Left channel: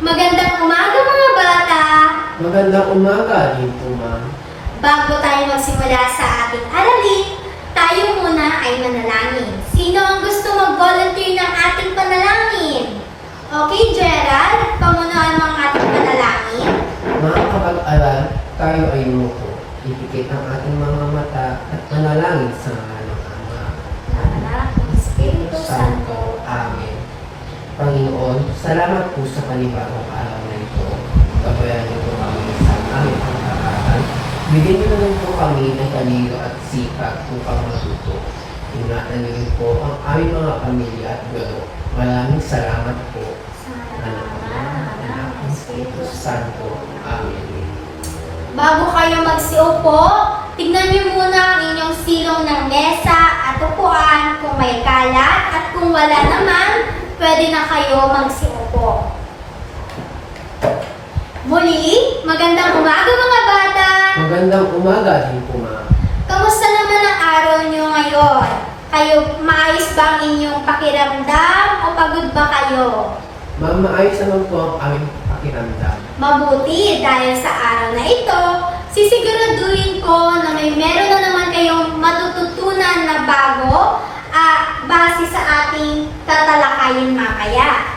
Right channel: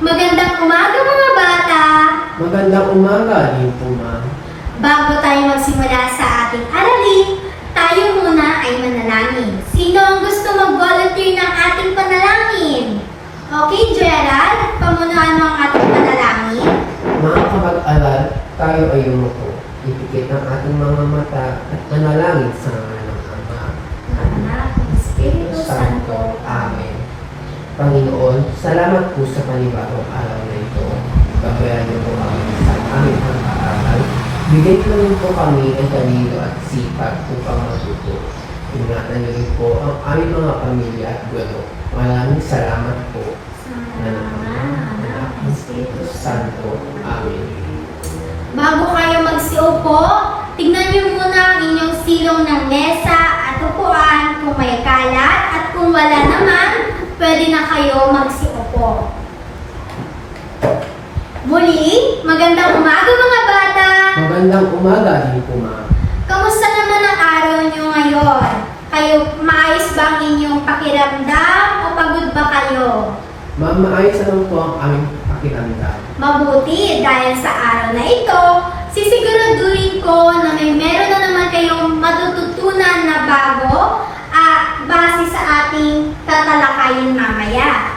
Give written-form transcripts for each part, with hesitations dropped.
Magandang umaga mga bata! Magandang umaga din po, ma'am. Bago tayo magsimula sa ating aralin, tayo muna ay manalangin. Sino ang gusto mag-volunteer ng ating panalangin? Okay, Gerald, pamunuan mo ang ating panalangin. Mga kapag-aral, tayo ay yumuko. Ipikit ang ating mga mata at manalangin sa ngalan ng Ama, Anak, Espiritu Santo. Amen. Panginoon, salamat po sa panibagong araw na ito. Gabayan niyo po kami sa aming pagkakasal. Bigyan niyo rin po kami ng talino at sipag upang matuto. Ingatan niyo rin po ang aming mga pamilya at guro. Maraming salamat po. Anak, Espiritu Santo. Amen. Bago kayo magsiupo, tignan niyo muna ang inyong silong ng mesa at upuan kung may kalat at kung wala naman, pwede na kayo magsiupo. Muli, magandang umaga mga bata! Magandang umaga din po, ma'am. Kamusta naman ang araw niyo ngayon? Kayo, maayos ba ang inyong pakiramdam o pagod ba kayo? Ma'am, maayos naman po ang aming pakiramdam. Mabuti dahil sa araw na ito, sisiguraduhin ko na meron na naman kayong matututunan na bago base sa ating tatalakayin mamaya.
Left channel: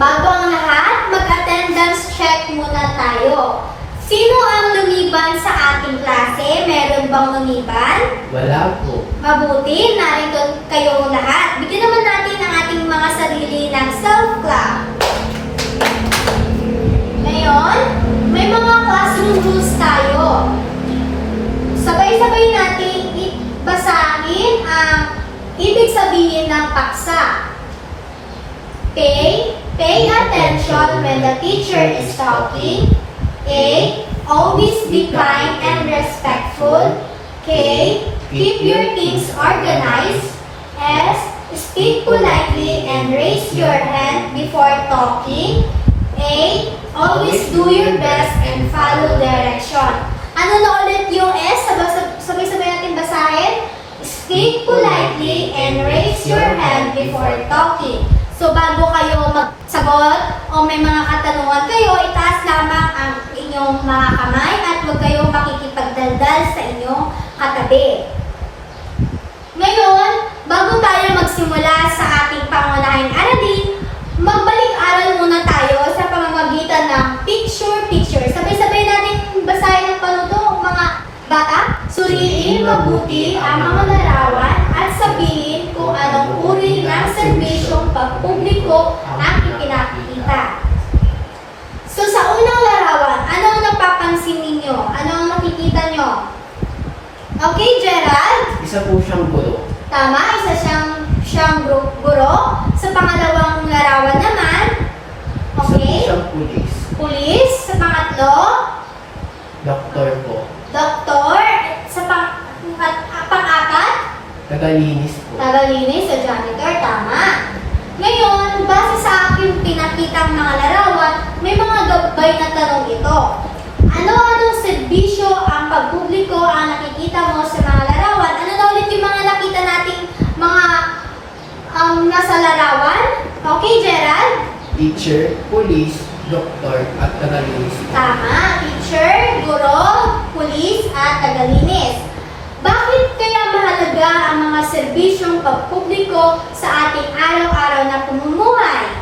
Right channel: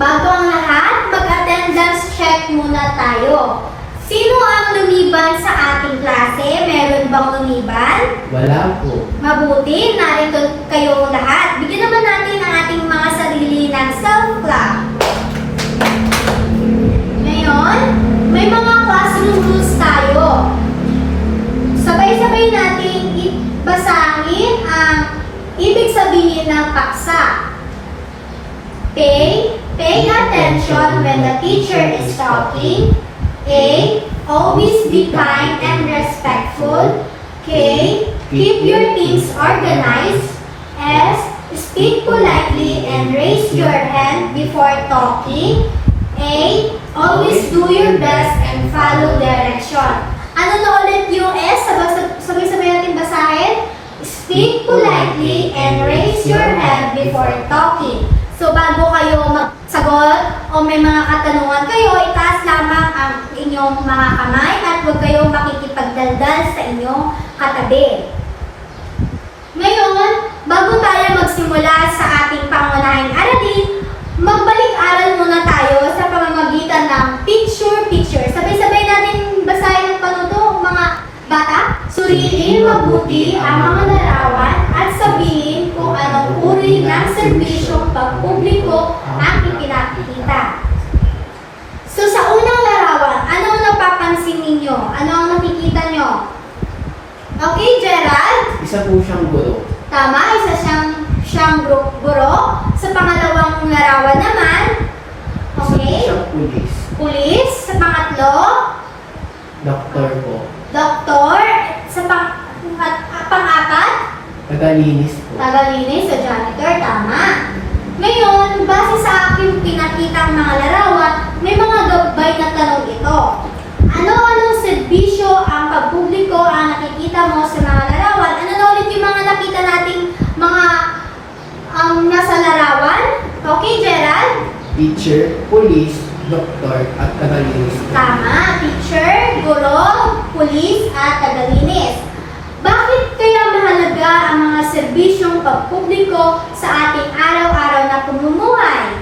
Bago ang lahat, mag-attendance check muna tayo. Sino ang lumiban sa ating klase? Meron bang lumiban? Wala po. Mabuti, narito kayong lahat. Bigyan naman natin ang ating mga sarili ng self-clap. Ngayon, may mga classroom rules tayo. Sabay-sabay natin basahin ang ibig sabihin ng paksa. Pay attention when the teacher is talking. A. Always be kind and respectful. K. Keep your things organized. S. Speak politely and raise your hand before talking. A. Always do your best and follow direction. Ano na ulit yung S? Sabay-sabay natin basahin. Speak politely and raise your hand before talking. So bago kayo magsagot o may mga katanungan kayo, itaas lamang ang inyong mga kamay at huwag kayong makikipagdaldal sa inyong katabi. Ngayon, bago tayo magsimula sa ating pangunahing aralin, magbalik-aral muna tayo sa pamamagitan ng picture-picture. Sabay-sabay natin basahin ang panuto, mga bata. Suriin mabuti ang mga larawan at sabihin kung anong uri ng serbisyong pagpubliko ang ipinakikita. So sa unang larawan, anong napapansin ninyo? Ano ang nakikita nyo? Okay, Gerald? Isa po siyang guro. Tama, isa siyang guro. Sa pangalawang larawan naman, Isa po okay, siyang pulis. pulis. Sa pangatlo, Doktor po. doktor. Sa pang-apat, Tagalinis po. tagalinis sa janitor. Tama. Ngayon, base sa aking pinakitang mga larawan, may mga gabay na tanong ito. Ano-anong serbisyo ang pagpubliko ang nakikita mo sa mga larawan? Ano na ulit yung mga nakita nating mga nasa larawan? Okay, Gerald? Teacher, pulis, doktor, at tagalinis po. Tama. Teacher, guro, pulis, at tagalinis. Bakit kaya mahalaga ang mga serbisyong pagpubliko sa ating araw-araw na pamumuhay?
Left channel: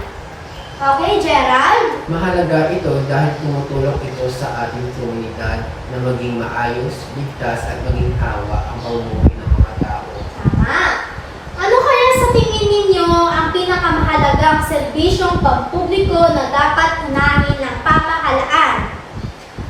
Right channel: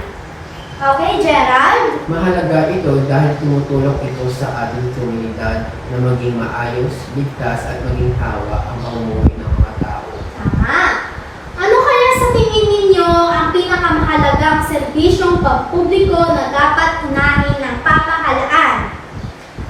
Okay, Gerald? Mahalaga ito dahil tumutulong ito sa ating komunidad na maging maayos, ligtas, at maging tawa ang pamumuhay ng mga tao. Tama. Ano kaya sa tingin ninyo ang pinakamahalagang serbisyong pagpubliko na dapat unahin ng pamahalaan?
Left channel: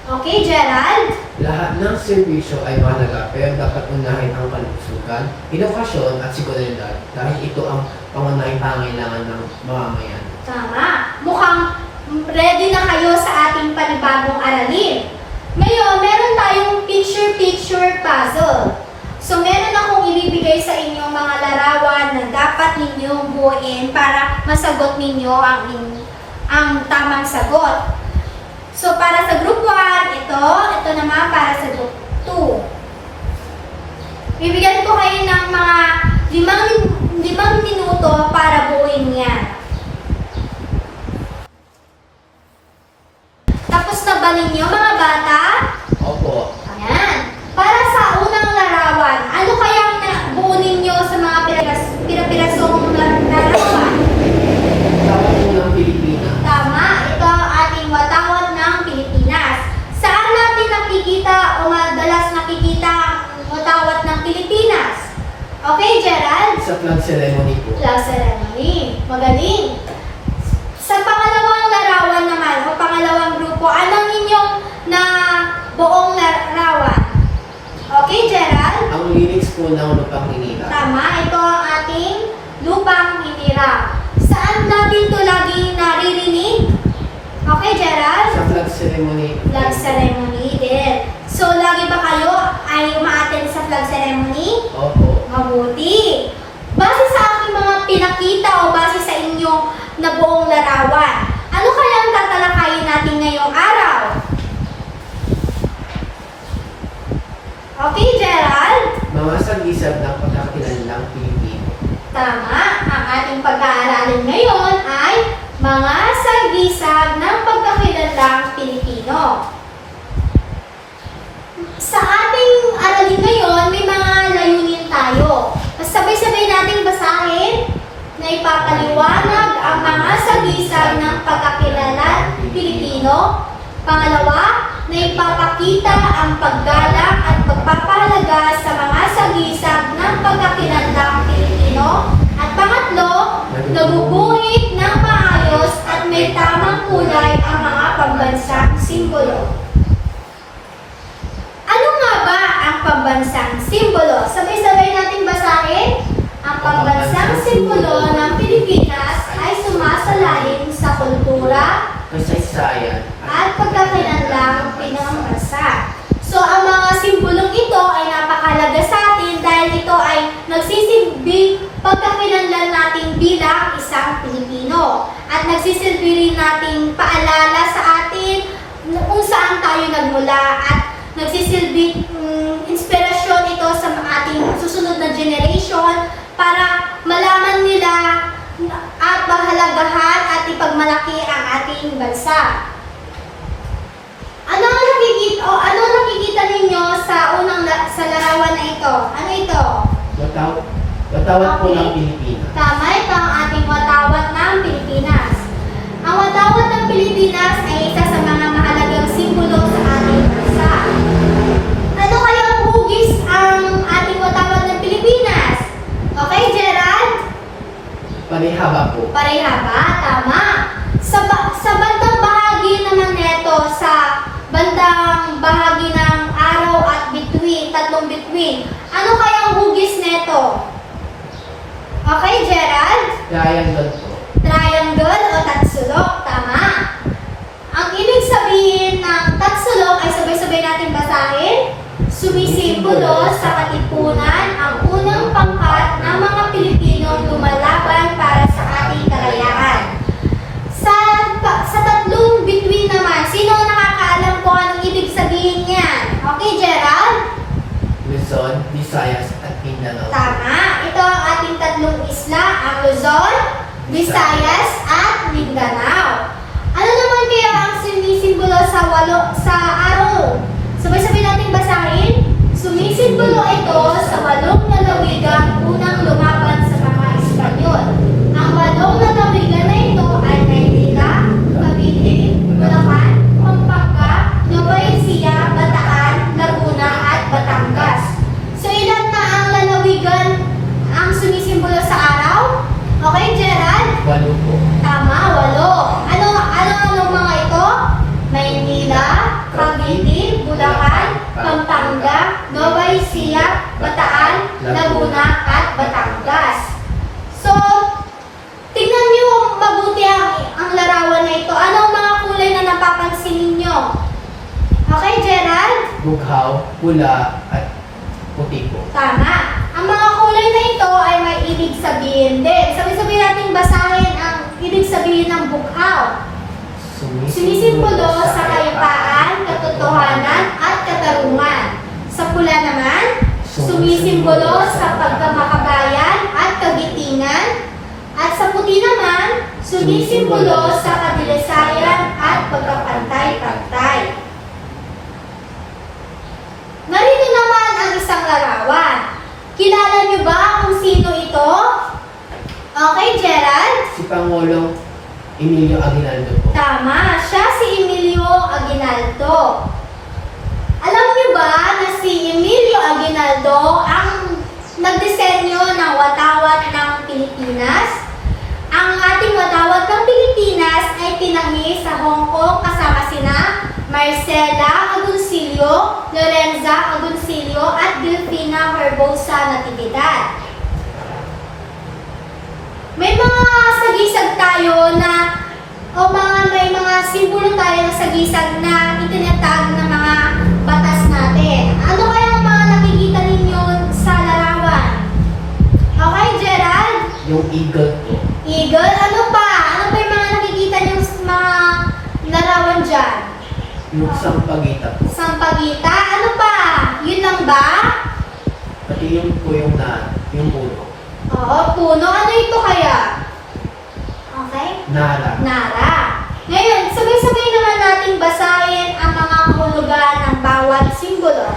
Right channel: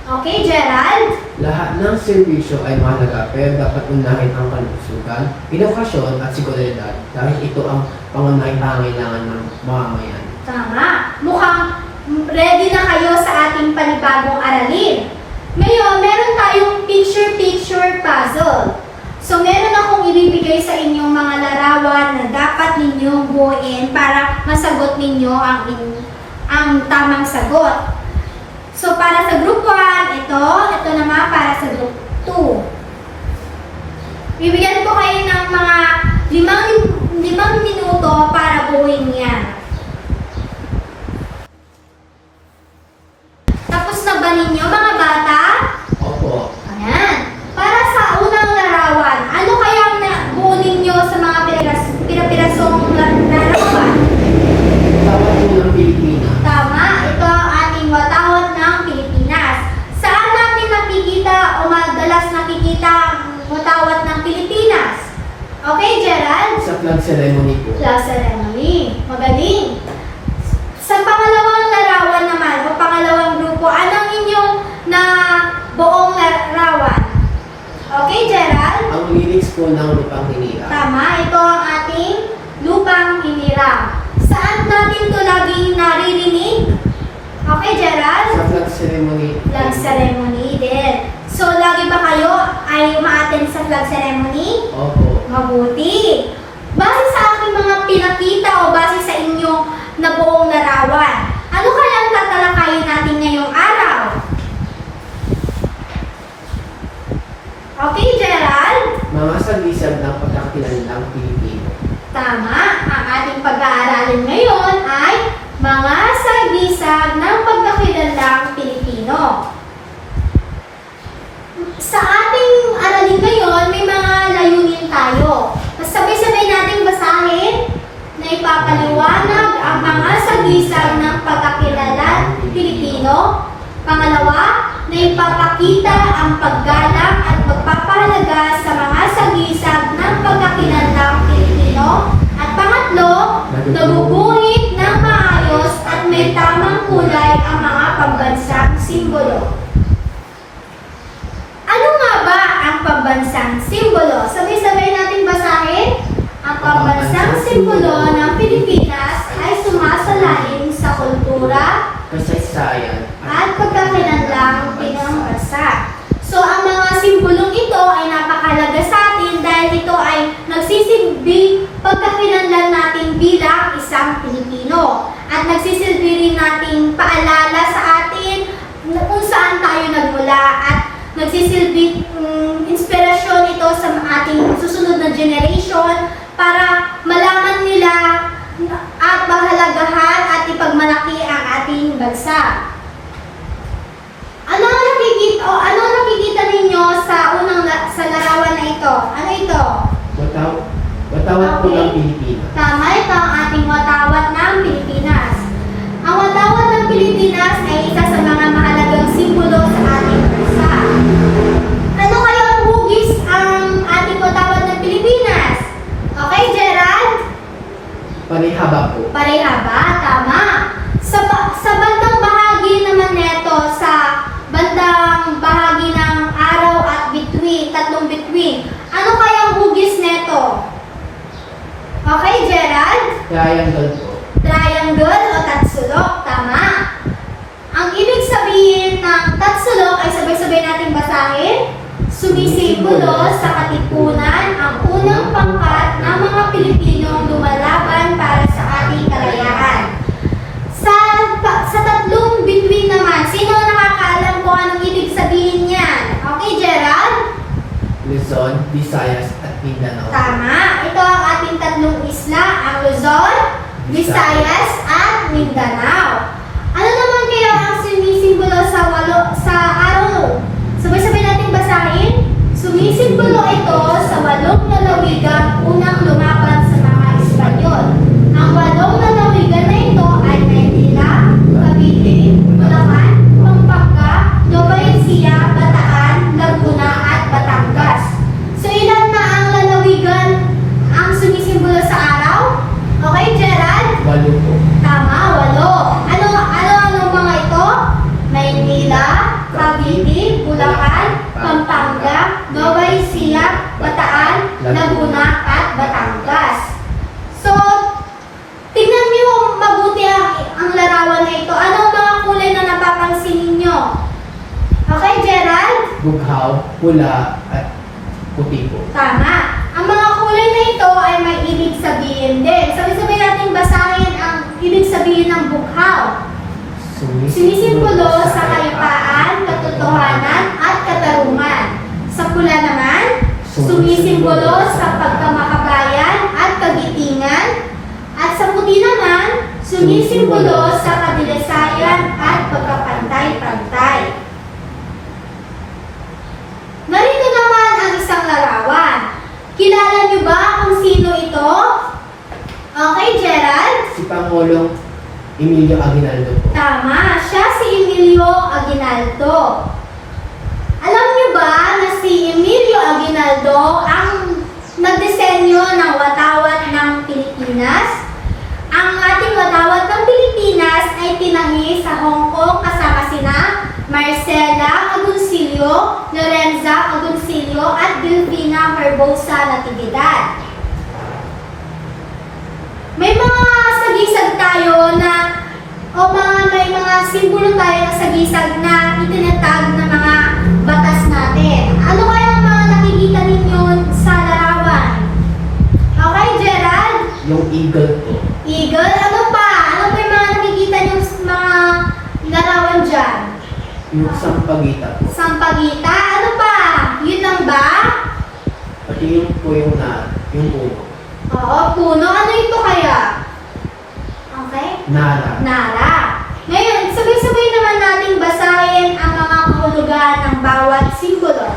Okay, Gerald? Lahat ng serbisyo ay mahalaga pero dapat unahin ang kalusugan, edukasyon at seguridad dahil ito ang pangunahing pangailangan ng mamamayan. Tama. Mukhang ready na kayo sa ating panibagong aralin. Ngayon, meron tayong picture-picture puzzle. So, meron akong ibibigay sa inyong mga larawan na dapat ninyong buuin para masagot ninyo ang tamang sagot. So, para sa group 1, ito naman para sa group 2. Bibigyan ko kayo ng mga 5 minuto para buuin yan. flag ceremony po. Flag ceremony. Magaling. Sa pangalawang larawan naman, o pangalawang grupo, anong inyong na buong larawan? Okay, Gerald? Ang lyrics po ng Lupang Hinirang. Tama, ito ang ating lupang hinirang. Saan natin ito laging naririnig? Okay, Gerald? Sa flag ceremony. Flag ceremony din. So, lagi ba kayo ay umaattend sa flag ceremony? Opo. Mabuti. Base sa aking mga pinakita o base sa inyong nabuong larawan, ano kayang tatalakayin natin ngayong araw? Okay, Gerald? Mga saglisag ng pagkakakilanlang Pilipino. Tama. Ang ating pag-aaralin ngayon ay mga sagisag ng pagkakilanlang Pilipino. Sa ating aralin ngayon, may mga layunin tayo. Sabay-sabay nating basahin na ipapaliwanag ang mga sagisag ng pagkakilanlang Pilipino. Pangalawa, na ipapakita ang paggalang at pagpapahalaga sa mga sagisag ng pagkakilanlang Pilipino. At pangatlo, naguguhit ng maayos at may tamang kulay ang mga pambansang simbolo. Ano nga ba ang pambansang simbolo? Sabay-sabay natin basahin. Ang pambansang simbolo ng Pilipinas ay sumasalalim sa kultura Kasaysayan. at pagkakilanlang pinambansa. So, ang mga simbolong ito ay napakahalaga sa atin dahil ito ay nagsisilbi pagkakilanlan natin bilang isang Pilipino. At nagsisilbi rin nating paalala sa atin kung saan tayo nagmula at nagsisilbi inspirasyon ito sa ating susunod na generation para malaman nila at mahalagahan at ipagmalaki ang ating bansa. Ano ang nakikita ninyo sa sa larawan na ito? Ano ito? Watawat po Okay. ng Pilipinas. Tama, ito ang ating watawat ng Pilipinas. Ang watawat ng Pilipinas ay isa sa mga mahalagang simbolo sa ating bansa. Ano kaya ang hugis ang ating watawat ng Pilipinas? Okay, Gerald? Panihaba po. Parehaba, tama. Sa bandang bahagi naman neto, sa bandang bahagi ng araw at bituin, tatlong bituin, ano kayang hugis neto? Okay, Gerald? Triangle po. Triangle o tatsulok, tama. Ang ibig sabihin ng tatsulok ay sabay-sabay natin basahin. Sumisimbolo sa katipunan ang unang pangkat ng mga Pilipinong lumalaban para sa ating kalayaan. Sa tatlong bituin naman, sino nakakaalam kung anong ibig sabihin niyan? Okay, Gerald? Luzon, Visayas, at Mindanao. Tama. Ito ang ating tatlong isla, ang Luzon, Visayas, at Mindanao. Ano naman kaya ang sinisimbolo sa araw? Sabay-sabay natin basahin. Sumisimbolo ito sa 8 lalawigang unang lumaban sa mga Espanyol. Ang 8 lalawigan na ito ay Maynila, Cavite, Bulacan, Pampanga, Nueva Ecija, Bataan, Laguna, at Batangas. So ilan na ang lalawigan ang sumisimbolo sa araw? Okay, Gerald? 8 po. Tama, 8. Anong mga ito? Maynila, Cavite, Bulacan, Pampanga, Nueva Ecija, Bataan, Laguna, at Batangas. So, tingnan niyo mabuti ang larawan na ito. Ano ang mga kulay na napapansin ninyo? Okay, Gerald? Bughaw, pula, at puti po. Tama. Ang mga kulay na ito ay may ibig sabihin din. Sabay-sabay natin basahin ang ibig sabihin ng bughaw. Sinisimbolo sa kayapaan, katotohanan, at katarungan. Sa pula naman, sumisimbolo sa pagkamakabayan at kagitingan. At sa puti naman, sumisimbolo sa kadilisayan at pagkapantay-pantay. Narito naman ang isang larawan. Kilala niyo ba kung sino ito? Okay, Gerald? Si Pangulong Emilio Aguinaldo po. Tama, siya si Emilio Aguinaldo. Alam niyo ba na si Emilio Aguinaldo ang nagdisenyo ng watawat ng Pilipinas. Ang ating watawat ng Pilipinas ay tinahi sa Hong Kong kasama sina Marcela Agoncillo, Lorenza Agoncillo at Delfina Herbosa Natividad. May mga sagisag tayo na may mga simbolo tayo na sagisag na itinatag ng mga batas natin. Ano kaya ang mga nakikita ninyo sa larawan? Okay, Gerald? Yung eagle po. Eagle? Ano pa? Ano pa yung mga nakikita niyo sa mga larawan dyan? Yung sampagita po. Sampagita? Ano pa? Yun lang ba? Pati yung po yung puno. Oo, puno. Ano ito kaya? Okay? Nara. Nara. Ngayon, sabay-sabay naman nating basahin ang mga kahulugan ng bawat simbolo.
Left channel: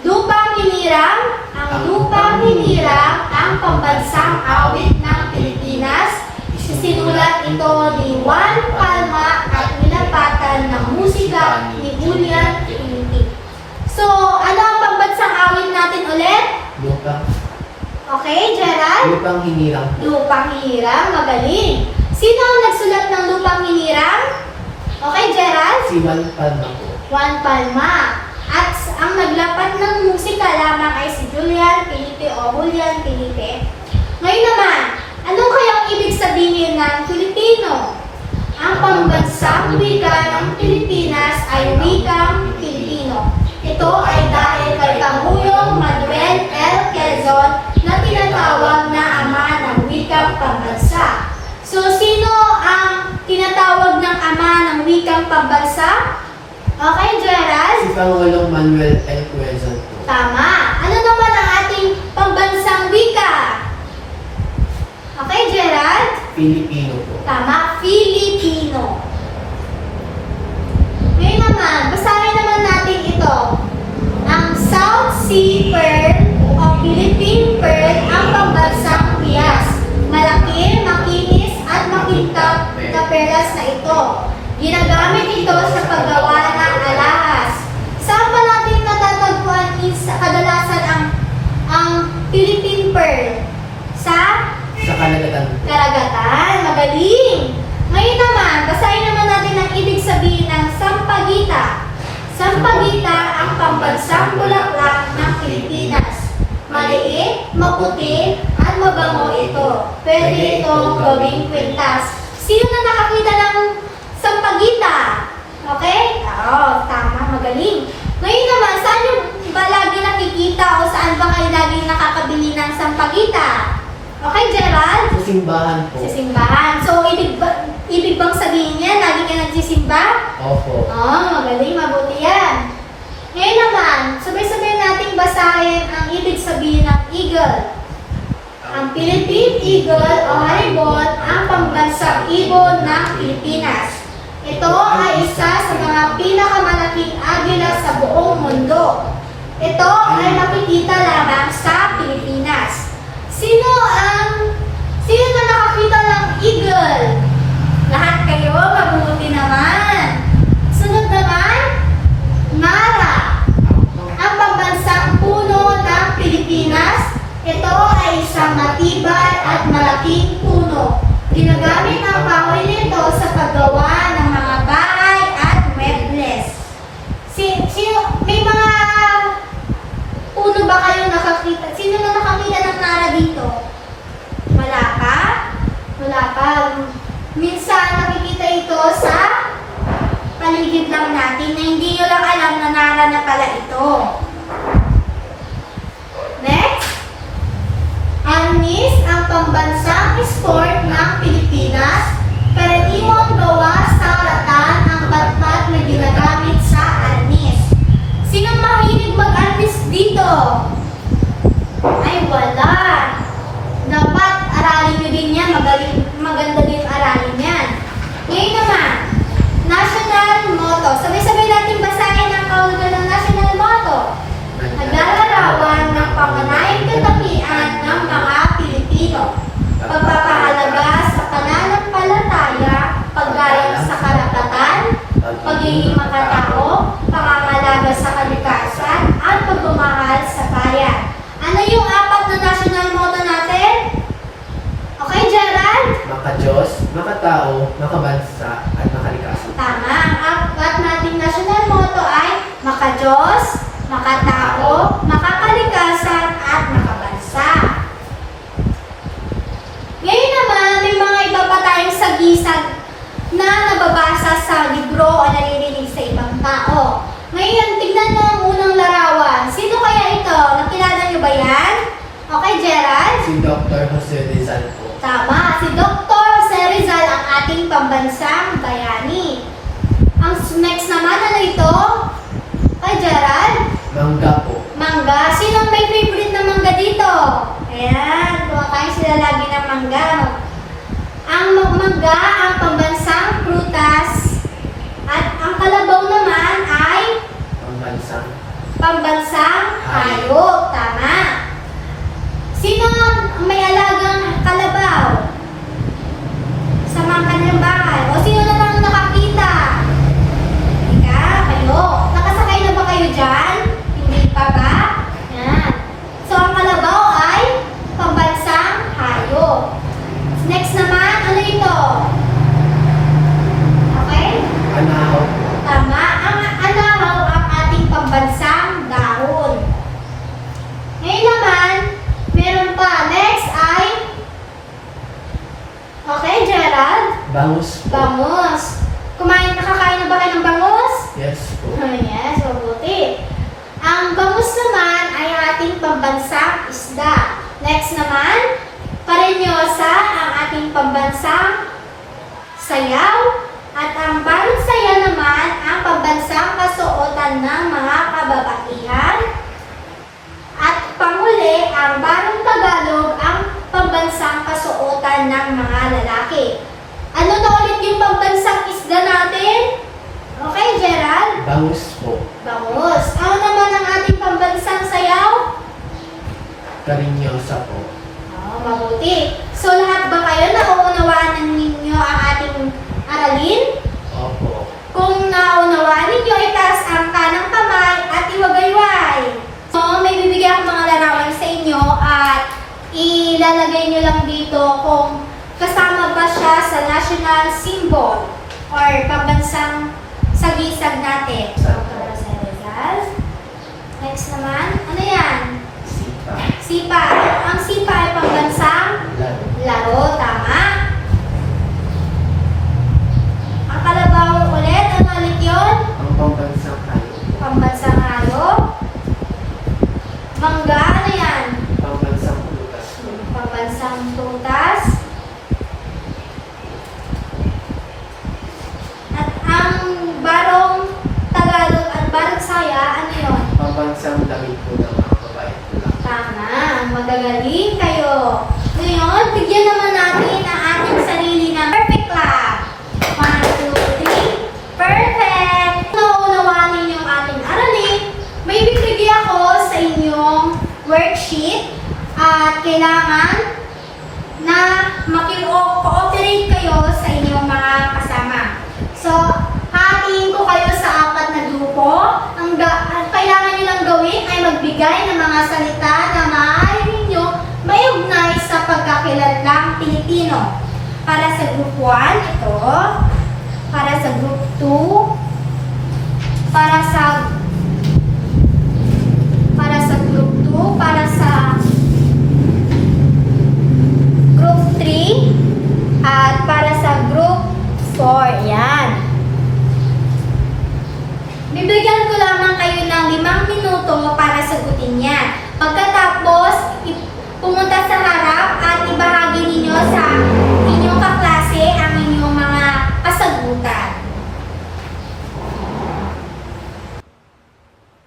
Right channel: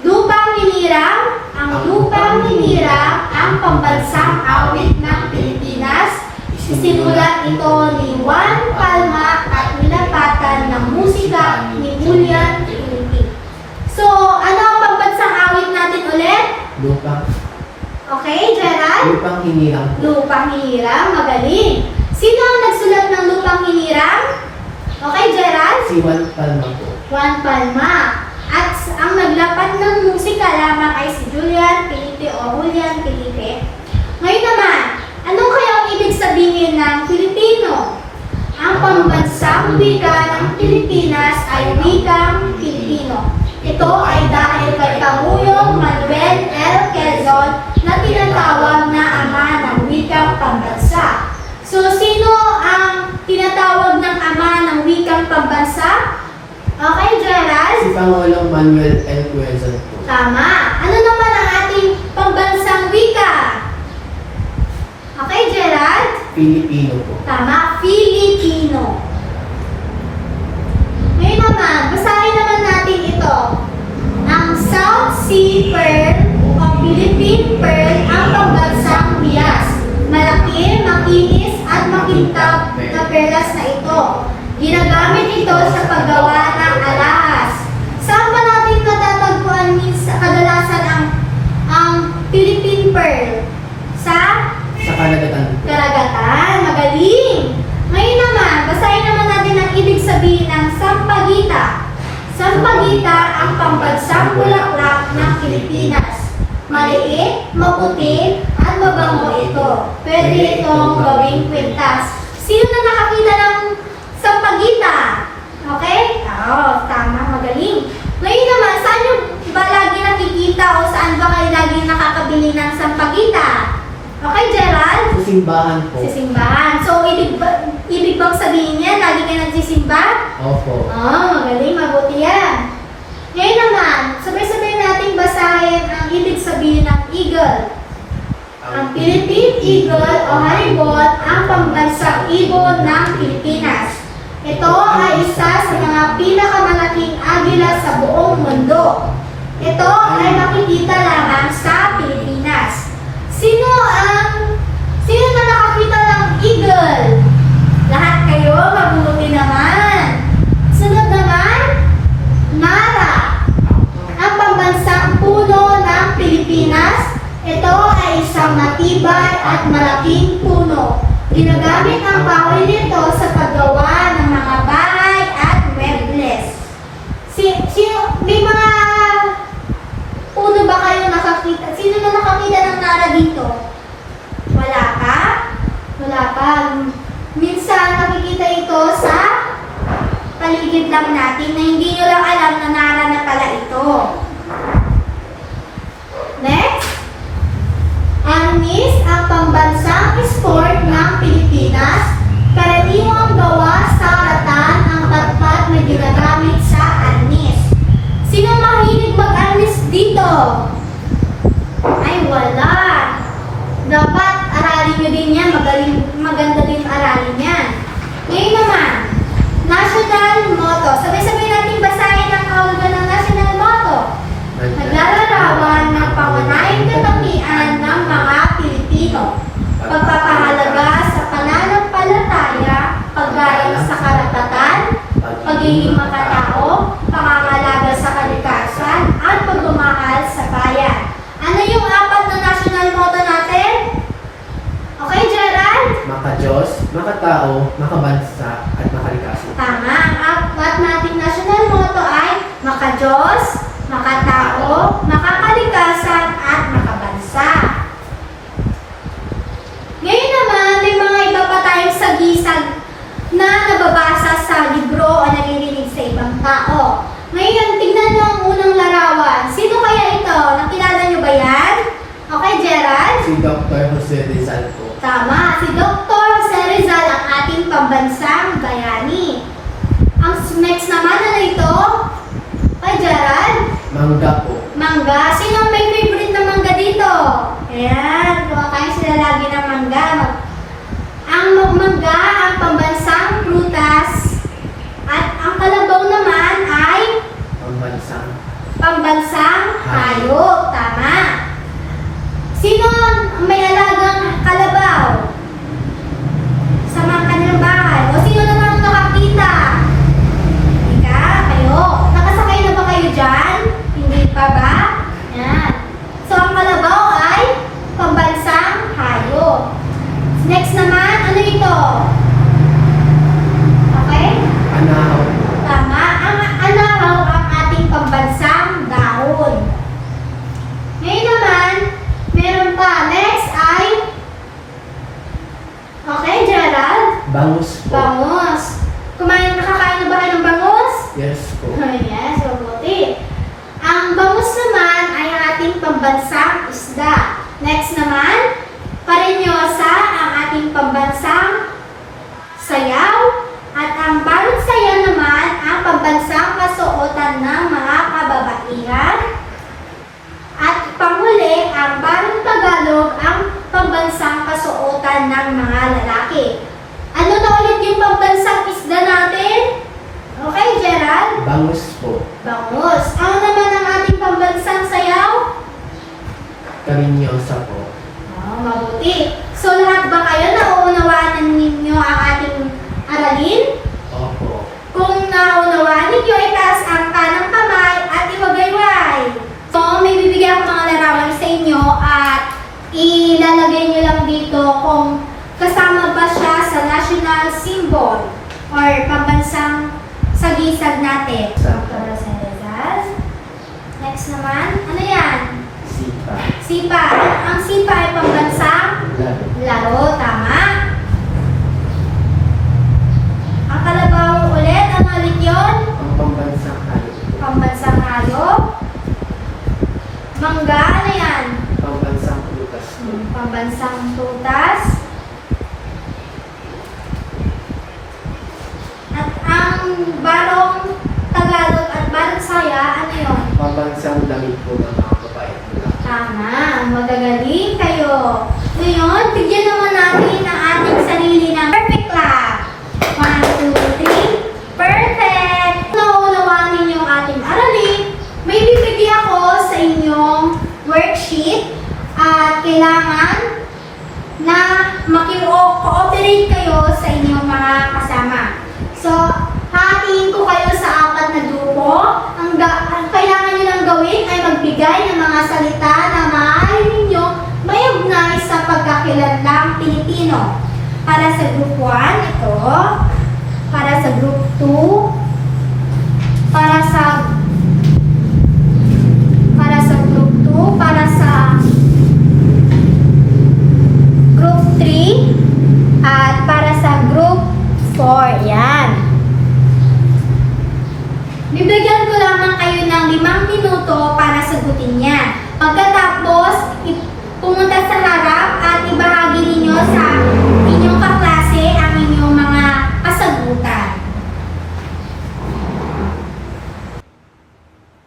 Lupang hinirang. Ang lupang hinirang ang pambansang awit ng Pilipinas. Sinulat ito ni Juan Palma at nilapatan ng musika ni Julian Pinti. So, ano ang pambansang awit natin ulit? Lupang. Okay, Gerald? Lupang hinirang po. Lupang hinirang, magaling. Sino ang nagsulat ng lupang hinirang? Okay, Gerald? Si Juan Palma po. Juan Palma. At ang naglapat ng musika lamang ay si Julian Felipe o Julian Felipe. Ngayon naman, anong kayang ibig sabihin ng Pilipino? Ang pambansang wika ng Pilipinas ay wikang Pilipino. Ito ay dahil kay Pangulong Manuel L. Quezon na tinatawag na ama ng wikang pambansa. So, sino ang tinatawag ng ama ng wikang pambansa? Okay, Gerald? Si Pangulong Manuel L. Quezon po. Tama. Ano naman ang ating pambansang wika? Okay, Gerald? Pilipino po. Tama, Filipino. Ngayon naman, basahin naman natin ito. Ang South Sea Pearl o Philippine Pearl ang pambansang bias. Malaki, makinis at makintab na perlas na ito. Ginagamit ito sa paggawa ng alahas. Saan ba natin natatagpuan sa kadalasan ang Philippine Pearl? Sa Sa Karagatan po. karagatan. Magaling! Ngayon naman, basahin naman natin ang ibig sabihin ng sampagita. Sampagita ang pambansang bulaklak ng Pilipinas. Maliit, maputi, at mabango ito. Pwede itong gawing kwintas. Sino na nakakita ng sampagita? Okay? Oo, tama, magaling. Ngayon naman, saan nyo ba lagi nakikita o saan ba kayo lagi nakakabili ng sampagita? Okay, Gerald? Sa simbahan po. Sa simbahan. So, ibig bang sabihin niya, lagi kayo nagsisimba? Opo. Magaling, mabuti yan. Ngayon naman, sabay-sabay nating basahin ang ibig sabihin ng eagle. Ang Philippine Eagle o Haribon ang pambansang ibon ng Pilipinas. Ito ay isa sa mga pinakamalaking agila sa buong mundo. Ito ay makikita lamang sa Pilipinas. Sino na nakakita ng eagle? Lahat kayo, mabuti naman. Sunod naman, Mara. Ang pambansang puno ng Pilipinas. Ito ay isang matibay at malaking puno. Ginagamit ang kahoy nito sa paggawa ng mga bahay at muebles. May mga puno ba kayo nakakita? Sino na nakakita ng Nara dito? Wala pa? Wala pa. Minsan nakikita ito sa paligid lang natin na hindi nyo lang alam na Nara na pala ito. Next. Arnis ang pambansang sport ng Pilipinas. Karaniwang gawa sa ratan ang batmat na ginagamit sa arnis. Sino mahilig mag-arnis dito? Ay, wala. Dapat aralin nyo din yan. Maganda din aralin yan. Ngayon naman, national motto. Sabay-sabay natin basahin ang kahulugan ng national motto. Naglalarawan ng pangunahing katangian ng mga Pilipino. Pagpapahalaga sa pananampalataya, paggayang sa karapatan, pagiging makatao, pangangalaga sa kalikasan, at pagmamahal sa bayan. maka-Diyos, maka-tao, makabansa, at makaligtas. Tama. Ang ating national motto ay maka-Diyos, makatao, makakalikasan, at makabansa. Ngayon naman, may mga iba pa tayong sagisag na nababasa sa libro o naririnig sa ibang tao. Ngayon, tignan nyo ang unang larawan. Sino kaya ito? Nakilala nyo ba yan? Okay, Gerald? Si Dr. Jose Rizal po. Tama, si Dr. Jose Rizal ang ating pambansang bayani. Ang next naman, ano ito? Kay Gerald? Mangga po. Mangga. Sino ang may favorite na mangga dito? Ayan, kumakain sila lagi ng mangga. Ang mangga, ang pambansang prutas. At ang kalabaw naman ay Pambansang. pambansang hayop. Tama. Sino ang may alagang kalabaw sa mga kanyang bahay? O sino namang nakakita? Ika, kayo. Nakasakay na ba kayo dyan? Hindi pa ba? Yan. So, ang kalabaw ay pambansang hayop. Next naman, ano ito? Okay? Anahaw po. Tama. Ang anahaw ang ating pambansang dahon. Ngayon naman, meron pa. Next ay, okay, Gerald? Bangus po. Bangus. Nakakain na ba kayo ng bangus? Yes po. Yes, mabuti. Ang bangus naman ay ating pambansang isda. Next naman, parenyosa ang ating pambansang sayaw. At ang balot saya naman ang pambansang kasuotan ng mga kababaihan. At panghuli, ang balot Tagalog ang pambansang kasuotan ng mga lalaki. Ano na ulit yung pambansang isda natin? Okay, Gerald? Bangus po. Bangus. Ano naman ang ating pambansang sayaw? Karinyosa po. Oh, mabuti. So, lahat ba kayo nauunawaan ninyo ang ating aralin? Opo. Kung naunawaan ninyo, itaas ang kanang kamay at iwagayway. So, may bibigyan akong mga larawan sa inyo at ilalagay nyo lang dito kung kasama ba siya sa national symbol or pambansang sagisag natin. Dr. Jose Rizal. Next naman, ano yan? Sipa. Sipa. Ang sipa ay pambansang Lado. laro. Tama. Ang kalabaw ulit, ano ulit yun? Ang pambansang hayop po. Pambansang hayop. Mangga, ano yan? Pambansang prutas po. Pambansang tutas. At ang barong Tagalog at barong saya, ano yun? Pambansang damit po ng mga babae po lang. Tama, magagaling kayo. Ngayon, tigyan naman natin ang ating sarili ng perfect lab. 1, 2, 3. Perfect! Naunawaan ninyo ang ating aralin. May bibigyan ako sa inyong worksheet at kailangan na maki-cooperate kayo sa inyong mga kasama. So, hatiin ko kayo sa 4 na grupo. Ang kailangan nyo lang gawin ay magbigay ng mga salita na maaari ninyo may ugnay sa pagkakilanlang Pilipino. Para sa group 1, ito. Para sa group 2. Para sa group 2. Para sa group 3. At para sa group 4. Yan. Bibigyan ko lamang kayo ng 5 minuto para sagutin yan. Pagkatapos, pumunta sa harap at ibahagi ninyo sa inyong kaklase ang inyong mga kasagutan.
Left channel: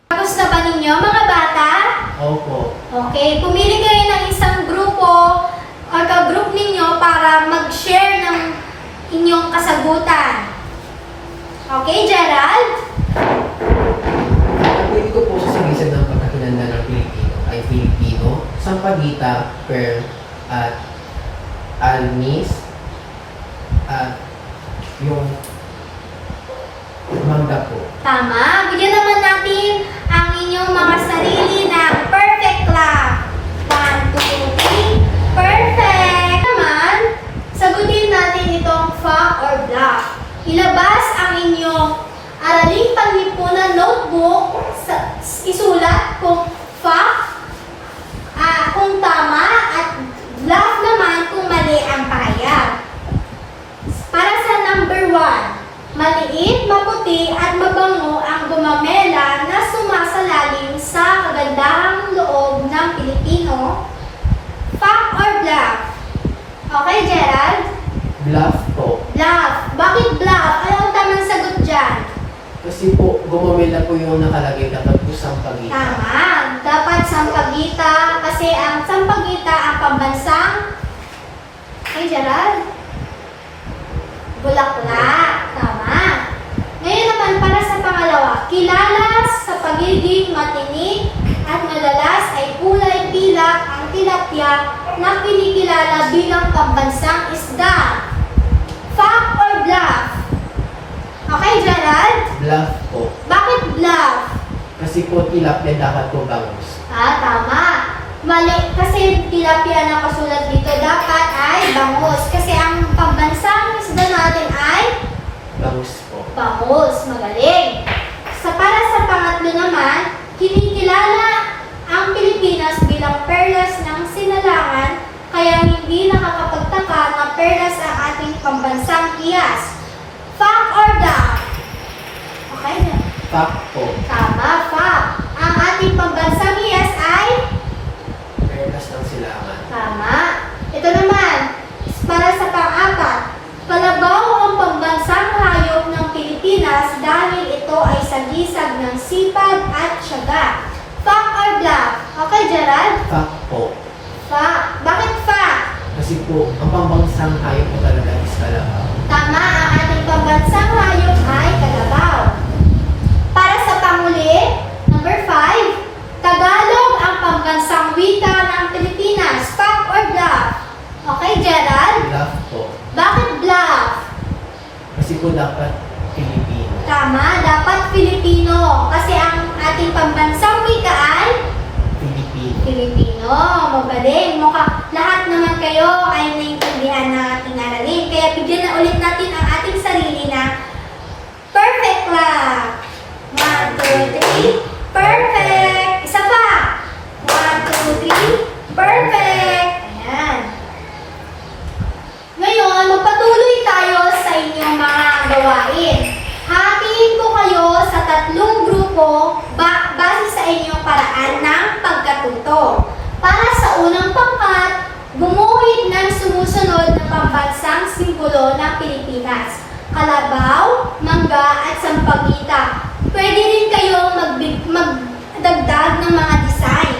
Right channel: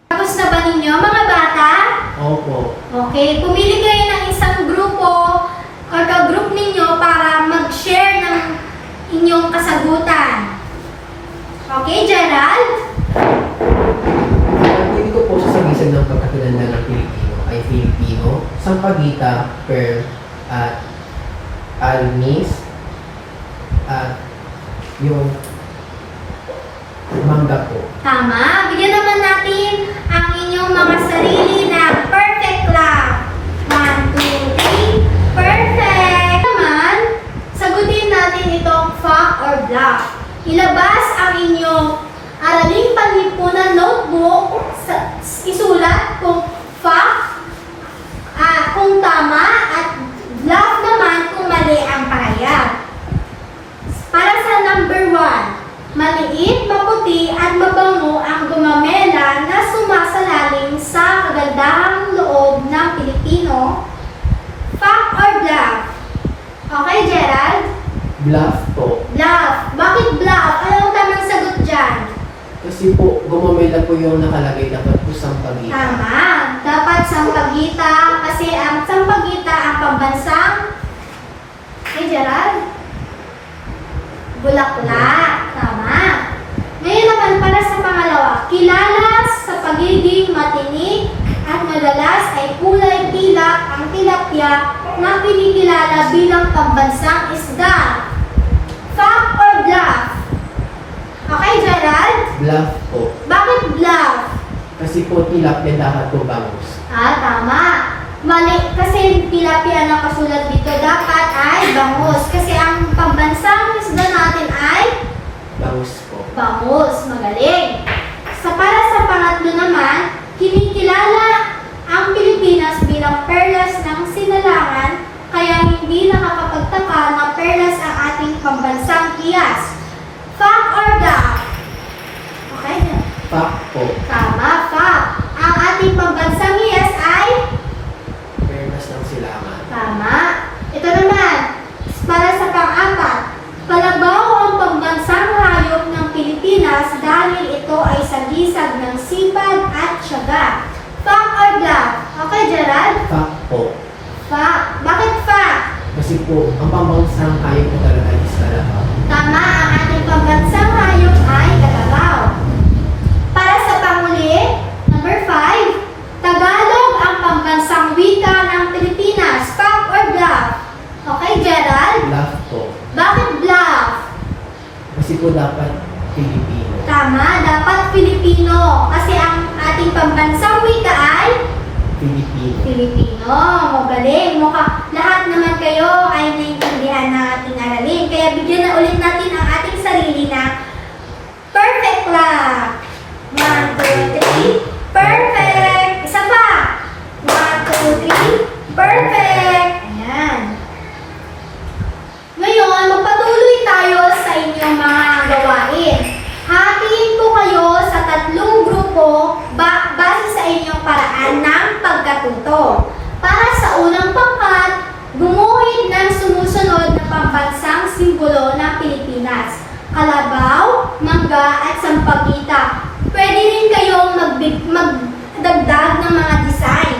Tapos na ba ninyo, mga bata? Opo. Okay, pumili kayo ng isang grupo o ka-group ninyo para mag-share ng inyong kasagutan. Okay, Gerald? Pwede ko po sa sagisag ng pagkakilala ng Pilipino ay Filipino, Sampaguita, Pearl, at Almis, at yung mangga po. Tama. Bigyan naman natin ang inyong mga sarili ng perfect lab. 1, 2, 3. Perfect! Naman, sagutin ilabas ang inyong araling panlipunan notebook, isulat kung fact, kung tama, at bluff naman kung mali ang pahayag. Para sa number 1, maliit, maputi, at mabango ang gumamela na sumasalalim sa kagandahang loob ng Pilipino. Fact or bluff? Okay, Gerald? Bluff po. Bluff. Bakit bluff? Ano ang tamang sagot dyan? Kasi po, gumamela po yung nakalagay dapat po sampagita. Tama. Dapat sampagita kasi ang sampagita ang pambansang Gerald? Bulaklak. Tama. Ngayon naman para sa pangalawa, kilala sa pagiging matinik at madalas ay kulay pilak ang tilapia na kinikilala bilang pambansang isda. Fact or bluff? Okay, Gerald? Bluff po. Bakit bluff? Kasi po tilapia dapat po bangus. Tama. Mali, kasi tilapia na kasulat dito, dapat ay bangus. Kasi ang pambansang isda natin ay Bangus po. bangus. Magaling. Para sa pangatlo naman, kinikilala ang Pilipinas bilang perlas ng sinalangan, kaya hindi nakakapagtaka na perlas ang ating pambansang hiyas. Fact or bluff? Okay na. Fact po. Tama, fact. Ang ating pambansang hiyas ay Perlas ng silangan. tama. Ito naman, para sa pang-apat, kalabaw ang pambansang hayop ng Pilipinas dahil ito ay sagisag ng sipag at tiyaga. Fact or bluff? Okay, Gerald? Fact po. Fact. Bakit fact? Kasi po, ang pambansang hayop po talaga is kalabaw. Tama, ang ating pambansang hayop ay kalabaw. Para sa panghuli, number 5, Tagalog ang pambansang wika ng Pilipinas. Fact or bluff? Okay, Gerald? Bluff po. Bakit bluff? Kasi po dapat Pilipino. Tama, dapat Filipino. Kasi ang ating pambansang wika ay Pilipino. Filipino. Magaling. Lahat naman kayo ay naintindihan ng ating aralin. Kaya bigyan na ulit natin ang ating sarili na perfect clap. 1, 2, 3. Perfect. Isa pa. 1, 2, 3. Perfect. Ayan. Ngayon, magpatuloy tayo sa inyong mga gawain. Hatiin ko kayo sa 3 grupo base sa inyong paraan ng pagkatuto. Para sa unang pangkat, gumuhit ng sumusunod na pambansang simbolo ng Pilipinas. Kalabaw, mangga, at sampagita. Pwede rin kayong magdagdag ng mga design.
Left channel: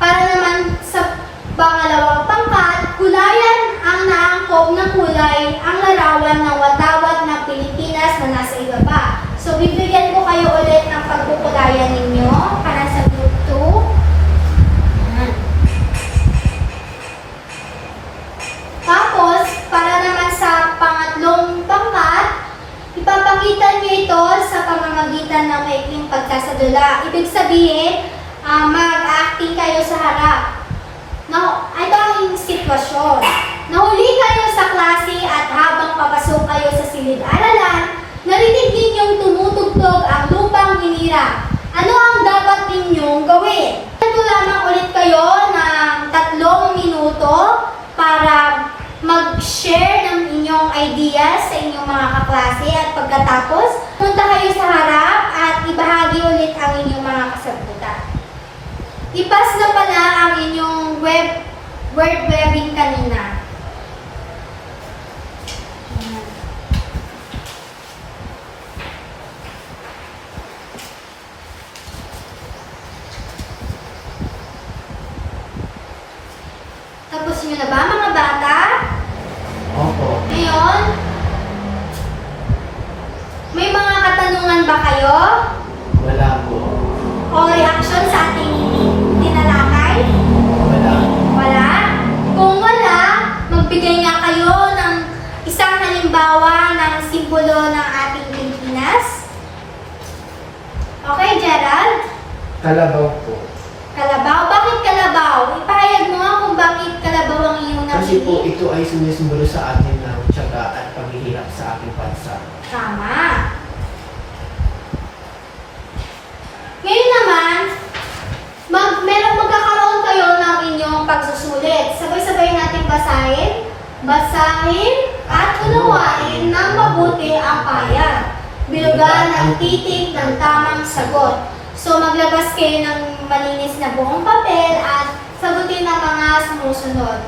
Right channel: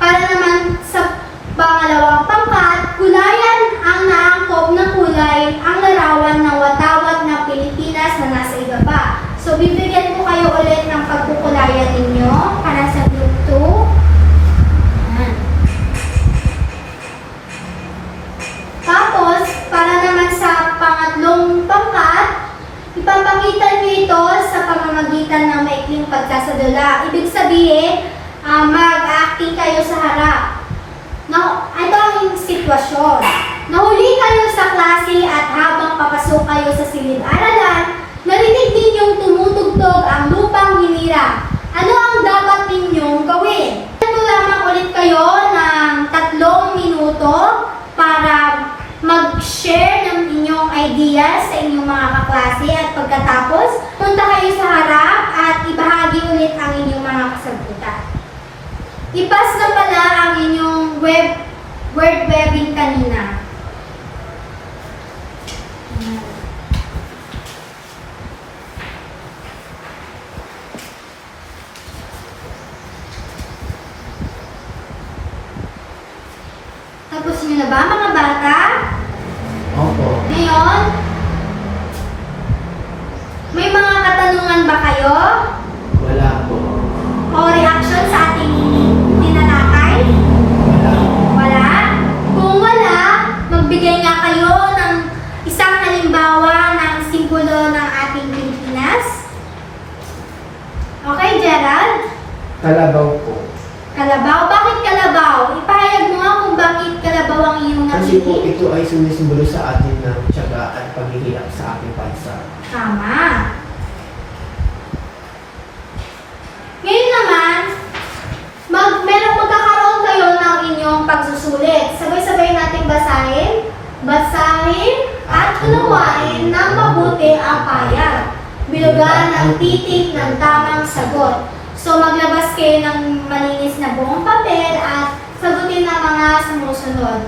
Para naman sa pangalawang pangkat, kulayan ang naangkop na kulay ang larawan ng watawat ng Pilipinas na nasa ibaba. So, bibigyan ko kayo ulit ng pagkukulayan ninyo para sa group 2. Ayan. Tapos, para naman sa pangatlong pangkat, ipapakita nyo ito sa pamamagitan ng maikling pagsasadula. Ibig sabihin, mag-acting kayo sa harap. Now, ito ang sitwasyon. Nahuli kayo sa klase at habang papasok kayo sa silid-aralan, narinig ninyong tumutugtog ang lupang hinirang. Ano ang dapat ninyong gawin? Ito lamang ulit kayo ng 3 minuto para mag-share ng inyong ideas sa inyong mga kaklase at pagkatapos, punta kayo sa harap at ibahagi ulit ang inyong mga kasagutan. Ipas na pala ang inyong word webbing kanina. Tapos nyo na ba mga bata? Opo. Ngayon, may mga katanungan ba kayo? Wala po. O reaction sa ating tinalakay? Wala. Wala? Kung wala, magbigay nga kayo ng isang halimbawa ng simbolo ng ating Pilipinas. Okay, Gerald? Kalabaw po. Kalabaw? Bakit kalabaw? Ipahayag mo nga kung bakit kalabaw ang iyong Kasi po ito ay sumisimbolo sa atin ng tiyaga at paghihirap sa ating bansa. Tama. Ngayon naman, magkakaroon kayo ng inyong pagsusulit. Sabay-sabay natin basahin. Basahin at unawain ng mabuti ang payag. Bilugan ang titik ng tamang sagot. So maglabas kayo ng malinis na buong papel at sagutin ang mga sumusunod.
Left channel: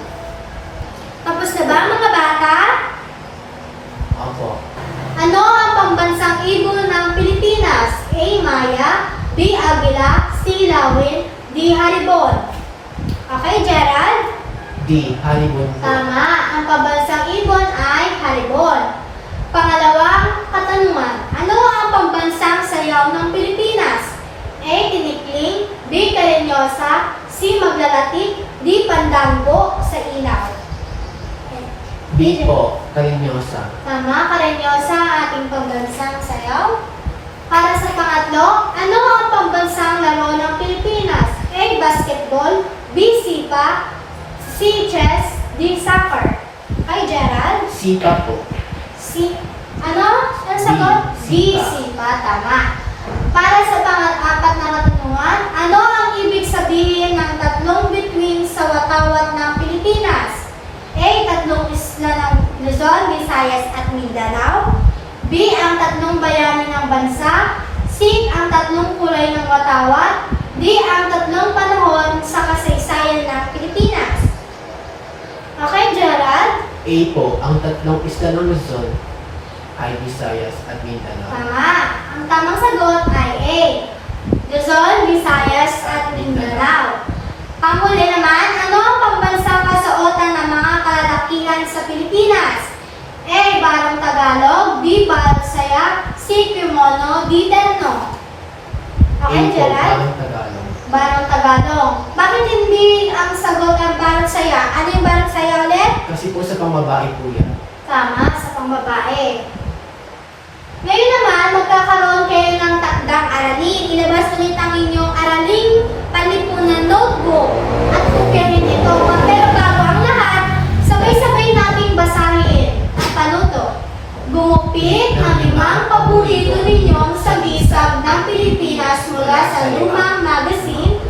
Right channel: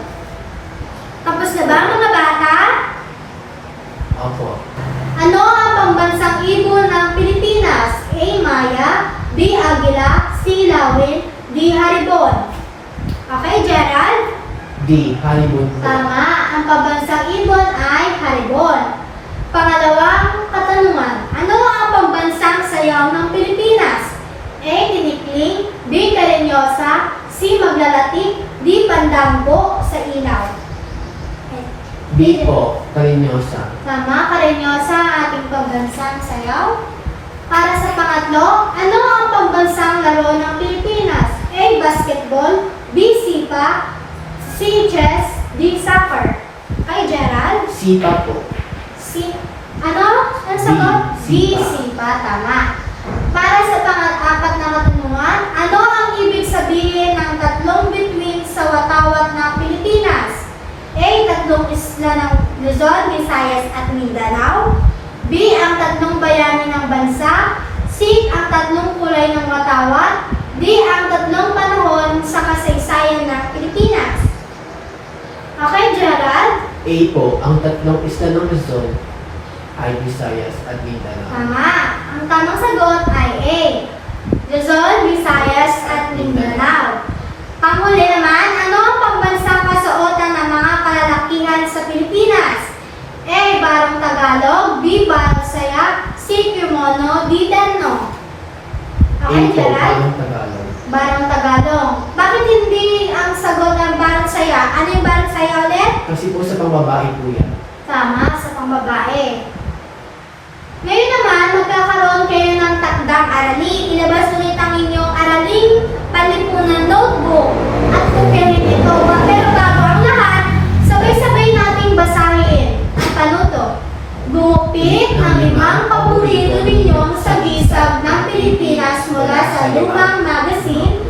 Tapos na ba mga bata? Opo. Ano ang pambansang ibon ng Pilipinas? A. Maya, B. Agila, C. Lawin, D. Haribon. Okay, Gerald? D. Halibon po. Tama. Ang pambansang ibon ay Haribon. Pangalawang katanungan. Ano ang pambansang sayaw ng Pilipinas? A. Tinikling, B. Karenyosa, C. Maglalatik, D. Pandambo sa ilaw. B po. Karinyosa. Tama, Karenyosa ang ating pambansang sayaw. Para sa pangatlo, ano ang pambansang laro ng Pilipinas? A. Basketball, B. Sipa, C. Chess, D. Soccer. Kay Gerald? Sipa po. Ano? Ano sagot? Sipa. D. Sipa, tama. Para sa pang-apat na katanungan, ano ang ibig sabihin ng tatlong bituin sa watawat ng Pilipinas? A. Tatlong isla ng Luzon, Visayas at Mindanao. B. Ang tatlong bayani ng bansa. C. Ang tatlong kulay ng watawat. D. Ang tatlong panahon sa kasaysayan ng Pilipinas. Okay, Gerald? A po. Ang tatlong isla ng Luzon ay Visayas at Mindanao. Tama. Ang tamang sagot ay A. Luzon, Visayas at Mindanao. Panghuli naman, ano ang pambansang kasuotan ng mga kalalakihan sa Pilipinas? A. Barong Tagalog, B. Barong Saya, C. Kimono, D. Terno. A Okay, po. Gerald? Ang Tagalog. Barong Tagalog. Bakit hindi ang sagot ang Barong Saya? Ano yung Barong Saya ulit? Kasi po sa pambabae po yan. Tama, sa pambabae. Ngayon naman, magkakaroon kayo ng takdang aralin. Ilabas ulit ang inyong araling palipunan notebook at kumpirhin ito. Pero bago ang lahat, sabay-sabay nating basahin ang panuto. Gumupit ang 5 paborito ninyo sa gisag ng Pilipinas mula sa lumang magazine,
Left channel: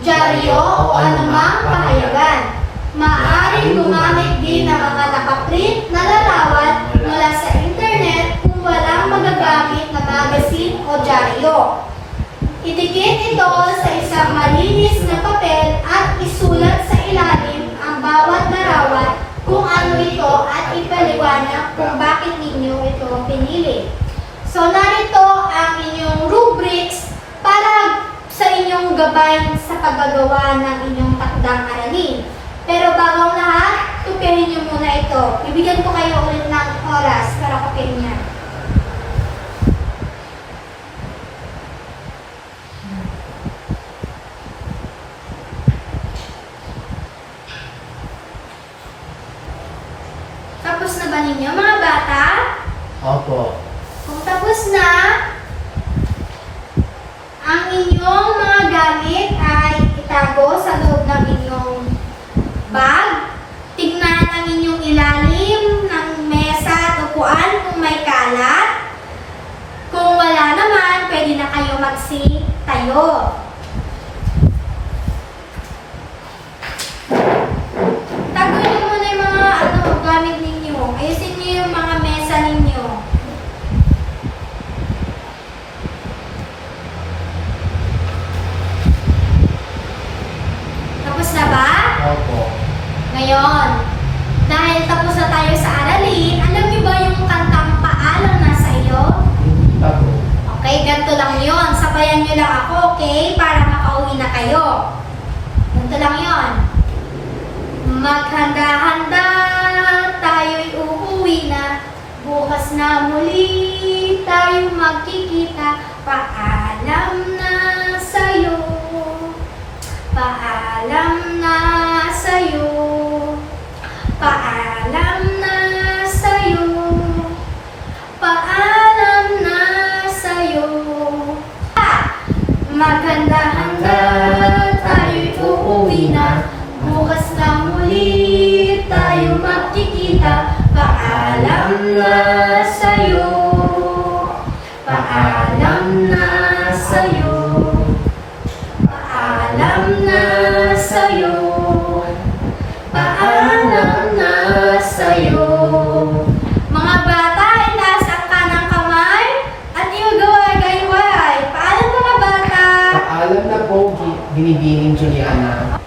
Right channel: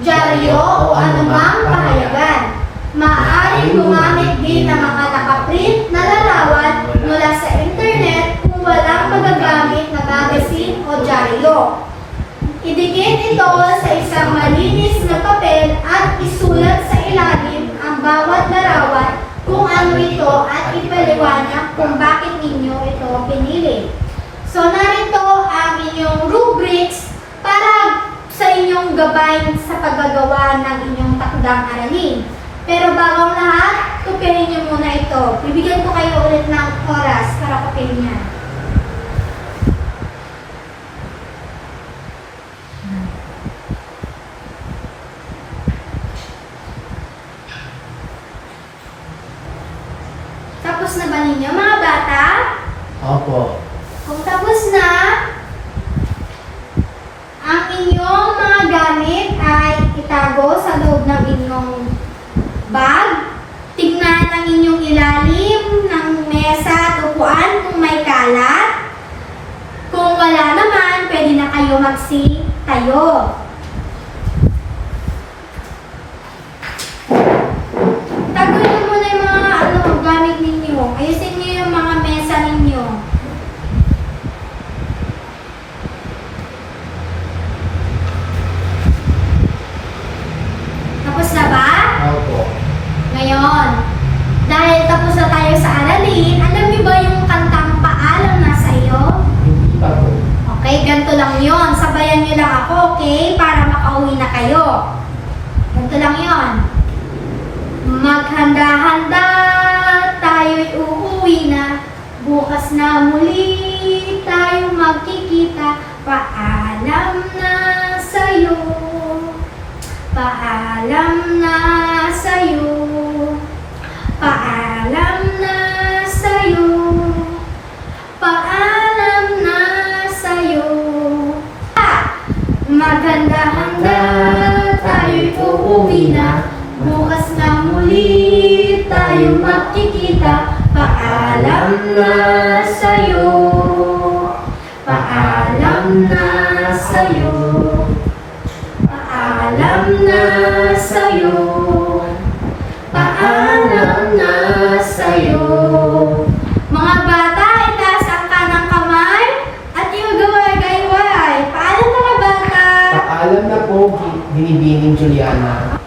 dyaryo o anumang pahayagan. Maaaring gumamit din ng mga nakaprint na larawan mula sa internet kung walang magagamit na magazine o dyaryo. Idikit ito sa isang malinis na papel at isulat sa ilalim ang bawat larawan kung ano ito at ipaliwanag kung bakit ninyo ito pinili. So narito ang inyong rubrics para sa inyong gabay sa paggagawa ng inyong takdang aralin. Pero bago ang lahat, kupihin nyo muna ito. Bibigyan ko kayo ulit ng oras para kupihin niya. Tapos na ba ninyo mga bata? Opo. Kung tapos na, ang inyong mga gamit ay itago sa loob ng inyong bag. Tignan ang inyong ilalim ng mesa at upuan kung may kalat. Kung wala naman, pwede na kayo tayo. Tago niyo muna yung mga gamit ninyo. Ayusin niyo yung mga mesa ninyo. Tapos na ba? Opo. Ngayon, dahil tapos na tayo sa aralin, alam niyo ba yung kantang Paalam na sa'yo? Hindi pa po. Okay, ganito lang yon. Sabayan niyo lang ako, okay? Para makauwi na kayo. Ganito lang yon. Maghanda-handa, tayo'y uuwi na. Bukas na muli, tayo magkikita. Paalam na sa'yo. Paalam na sa'yo. Paalam na sa'yo. Paalam na sa'yo. Maganda-handa, tayo'y uuwi na. Bukas na muli, tayo magkikita. Paalam na sa'yo. Paalam na sa'yo. Paalam na sa'yo. Paalam na sa'yo. Mga bata, itaas ang kanang kamay at iwagawa-gayway. Paalam mga bata. Paalam na po, Binibining Juliana.